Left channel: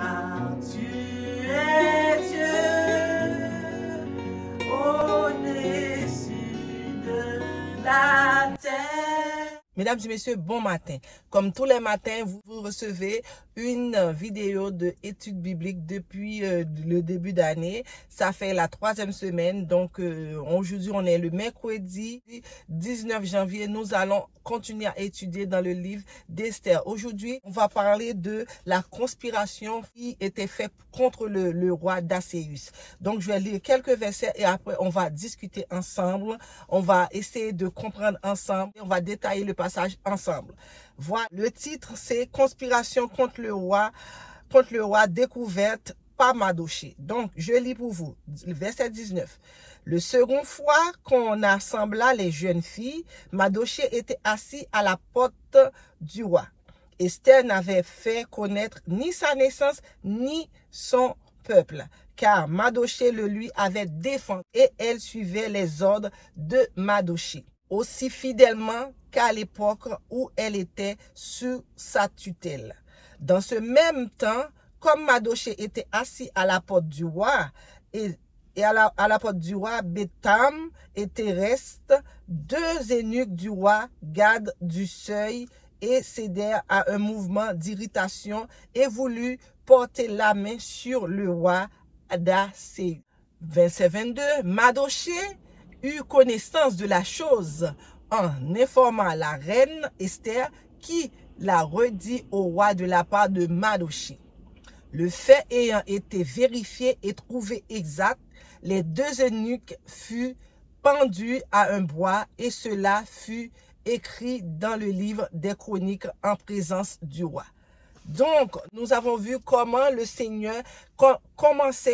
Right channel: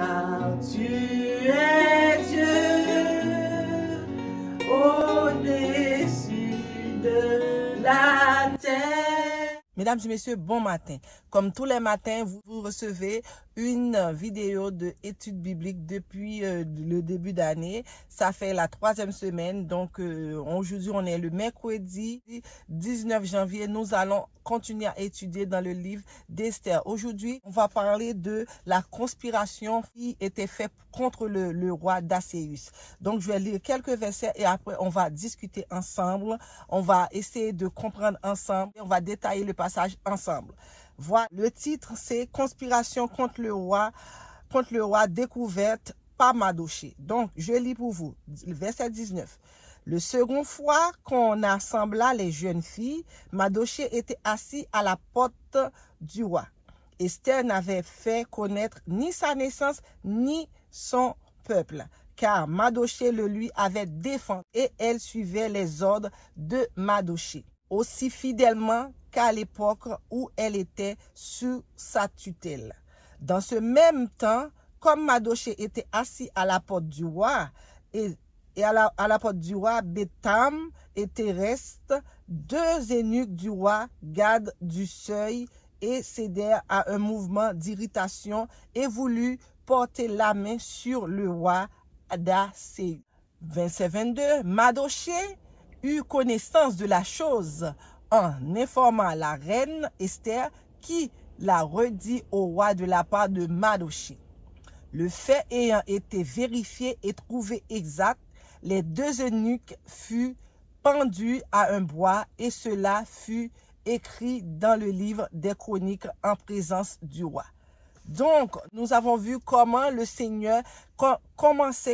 car tu es Dieu au-dessus de la terre. Mesdames et messieurs, bon matin. Comme tous les matins, vous recevez une vidéo de études bibliques depuis le début d'année. Ça fait la 3e semaine. Donc, aujourd'hui, on est le mercredi 19 janvier. Nous allons continuer à étudier dans le livre d'Esther. Aujourd'hui, on va parler de la conspiration qui était faite contre le roi d'Asséus. Donc, je vais lire quelques versets et après, on va discuter ensemble. On va essayer de comprendre ensemble. On va détailler le passage ensemble. Voilà, le titre, c'est Conspiration contre le roi découverte par Mardochée. Donc, je lis pour vous, verset 19. Le second fois qu'on assembla les jeunes filles, Mardochée était assis à la porte du roi. Esther n'avait fait connaître ni sa naissance, ni son peuple, car Mardochée le lui avait défendu et elle suivait les ordres de Mardochée, aussi fidèlement qu'à l'époque où elle était sous sa tutelle. Dans ce même temps, comme Mardochée était assis à la porte du roi, et à la porte du roi, Bétham et Théreste, deux eunuques du roi, gardes du seuil, et cédèrent à un mouvement d'irritation et voulurent porter la main sur le roi d'Asséus. Verset 22, Mardochée eut connaissance de la chose en informant la reine Esther qui l'a redit au roi de la part de Mardochée. Le fait ayant été vérifié et trouvé exact, les deux eunuques furent pendus à un bois et cela fut écrit dans le livre des chroniques en présence du roi. Donc, nous avons vu comment le Seigneur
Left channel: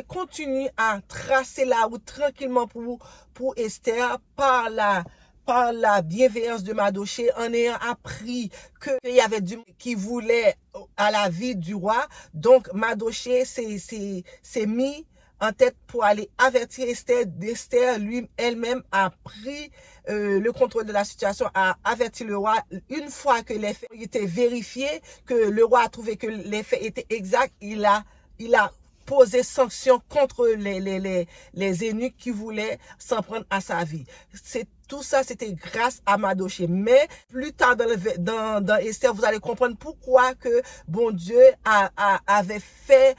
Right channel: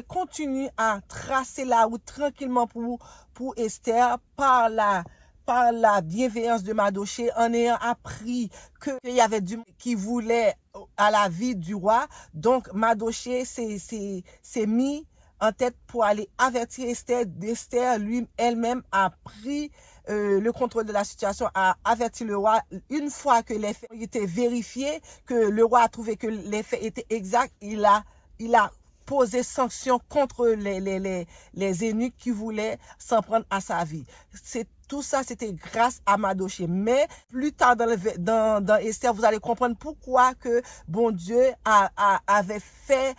continue à tracer la route tranquillement pour Esther par la bienveillance de Mardochée, en ayant appris qu'il y avait du monde qui voulait à la vie du roi. Donc, Mardochée s'est mis en tête pour aller avertir Esther. Esther, elle-même, a pris le contrôle de la situation, a averti le roi. Une fois que les faits étaient vérifiés, que le roi a trouvé que les faits étaient exacts, il a posé sanction contre les eunuques qui voulaient s'en prendre à sa vie. Tout ça, c'était grâce à Mardochée. Mais plus tard dans Esther, vous allez comprendre pourquoi que bon Dieu avait fait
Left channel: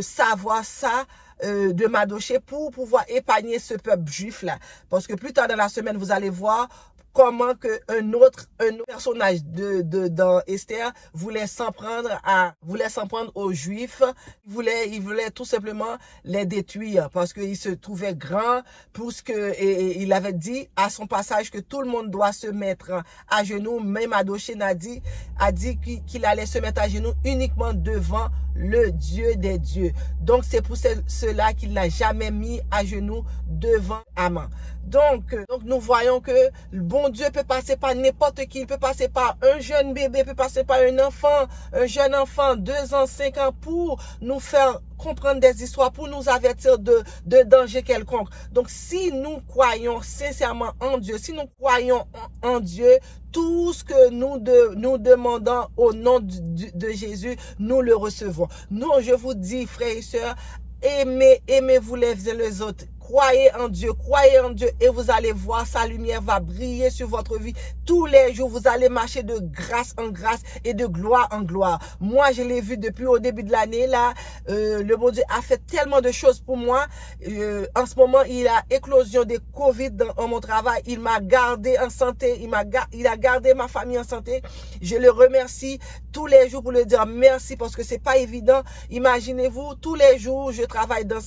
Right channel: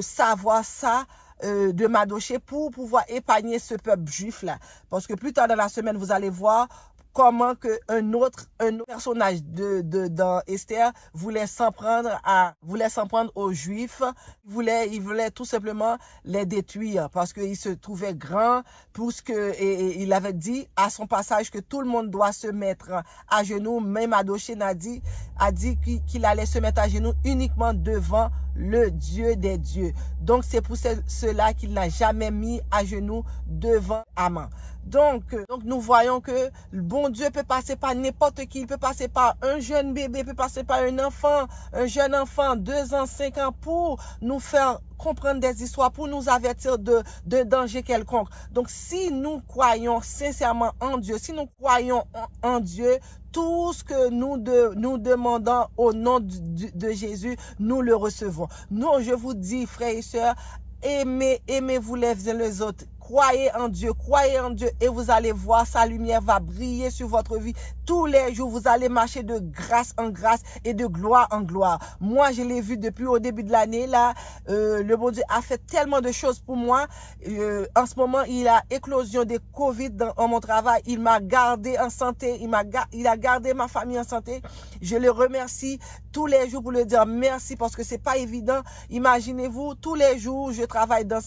savoir ça de Mardochée pour pouvoir épargner ce peuple juif là. Parce que plus tard dans la semaine, vous allez voir comment que un autre personnage dans Esther voulait s'en prendre aux Juifs. Il voulait tout simplement les détruire parce qu'il se trouvait grand, et il avait dit à son passage que tout le monde doit se mettre à genoux. Même Mardochée a dit qu'il allait se mettre à genoux uniquement devant le Dieu des dieux. Donc c'est pour cela qu'il n'a jamais mis à genoux devant Haman. Donc nous voyons que le bon Dieu peut passer par n'importe qui. Il peut passer par un jeune bébé, peut passer par un jeune enfant, 2 ans, 5 ans, pour nous faire comprendre des histoires, pour nous avertir de danger quelconque. Donc si nous croyons sincèrement en Dieu, si nous croyons en Dieu, tout ce que nous demandons au nom de Jésus, nous le recevons. Nous, je vous dis, frères et sœurs, aimez-vous les uns les autres. Croyez en Dieu et vous allez voir sa lumière va briller sur votre vie. Tous les jours, vous allez marcher de grâce en grâce et de gloire en gloire. Moi, je l'ai vu depuis au début de l'année. Là, le bon Dieu a fait tellement de choses pour moi. En ce moment, il y a éclosion de Covid dans mon travail. Il m'a gardé en santé. Il a gardé ma famille en santé. Je le remercie tous les jours pour le dire merci parce que c'est pas évident. Imaginez-vous, tous les jours, je travaille dans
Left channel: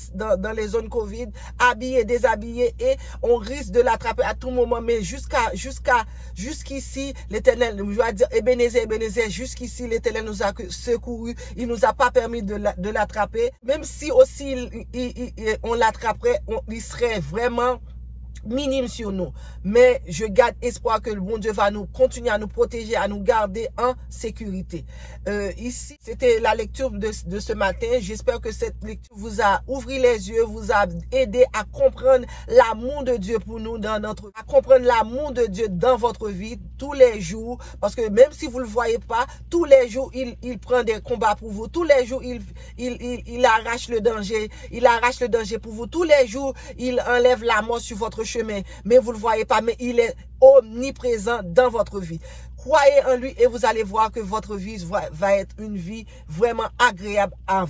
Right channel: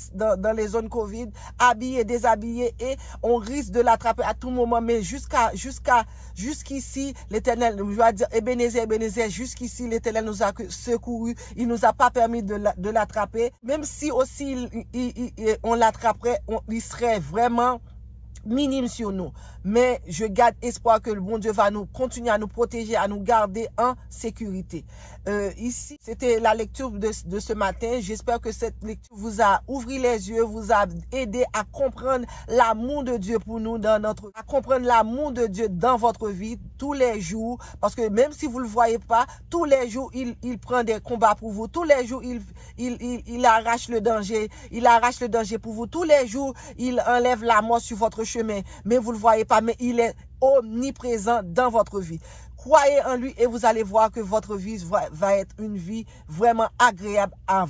les zones Covid, habillé, déshabillé, et on risque de l'attraper à tout moment. Mais jusqu'ici, l'Éternel, je dois dire, Ebenezer, jusqu'ici, l'Éternel nous a secourus. Il nous a pas permis de l'attraper. Même si aussi on l'attraperait, il serait vraiment minime sur nous. Mais je garde espoir que le bon Dieu va nous continuer à nous protéger, à nous garder en sécurité. Ici, c'était la lecture de ce matin. J'espère que cette lecture vous a ouvert les yeux, vous a aidé à comprendre l'amour de Dieu pour nous, à comprendre l'amour de Dieu dans votre vie tous les jours. Parce que même si vous ne le voyez pas, tous les jours, il prend des combats pour vous. Tous les jours, il arrache le danger. Il arrache le danger pour vous. Tous les jours, il enlève la mort sur votre chemin. Mais vous ne le voyez pas, mais il est omniprésent dans votre vie. Croyez en lui et vous allez voir que votre vie va être une vie vraiment agréable en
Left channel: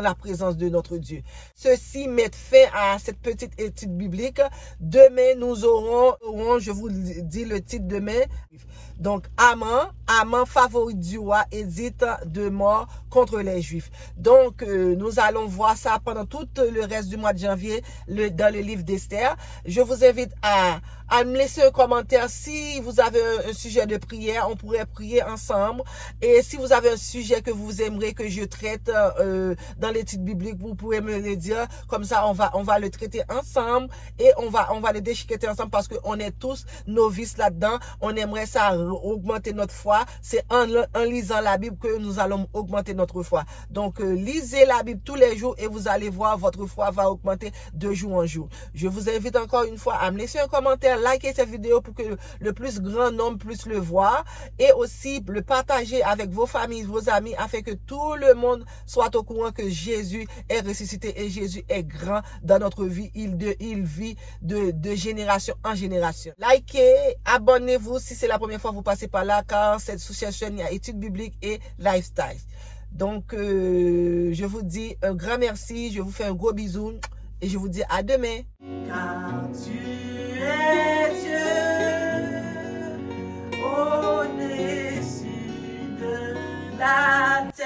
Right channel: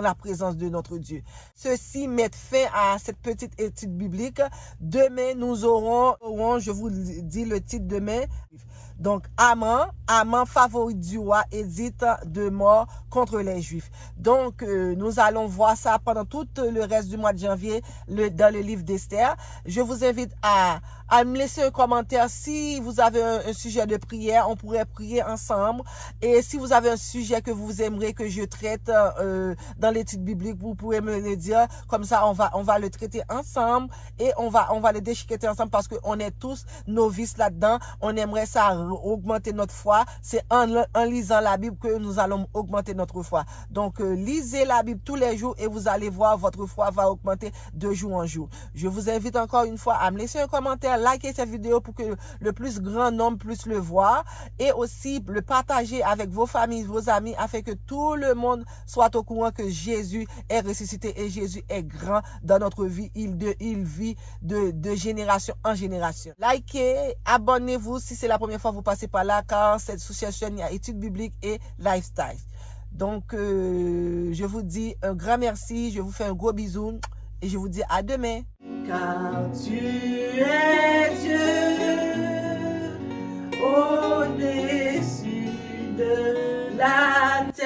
la présence de notre Dieu. Ceci met fin à cette petite étude biblique. Demain, nous aurons, je vous dis le titre demain. Donc, Haman, favori du roi, édite de mort contre les Juifs. Donc, nous allons voir ça pendant tout le reste du mois de janvier dans le livre d'Esther. Je vous invite à me laisser un commentaire si vous avez un sujet de prière. On pourrait prier ensemble. Et si vous avez un sujet que vous aimeriez que je traite dans l'étude biblique, vous pouvez me le dire. Comme ça, on va le traiter ensemble et on va le déchiqueter ensemble parce qu'on est tous novices là-dedans. On aimerait ça augmenter notre foi. C'est en lisant la Bible que nous allons augmenter notre foi. Donc, lisez la Bible tous les jours et vous allez voir votre foi va augmenter de jour en jour. Je vous invite encore une fois à me laisser un commentaire, liker cette vidéo pour que le plus grand nombre puisse le voir et aussi le partager avec vos familles, vos amis afin que tout le monde soit au courant que Jésus est ressuscité et Jésus est grand dans notre vie. Il vit de génération en génération. Likez, abonnez-vous si c'est la première fois que vous passez par là car cette chaîne il y a études bibliques et lifestyle. Donc, je vous dis un grand merci, je vous fais un gros bisou et je vous dis à demain. Car tu es Dieu, au-dessus de la terre.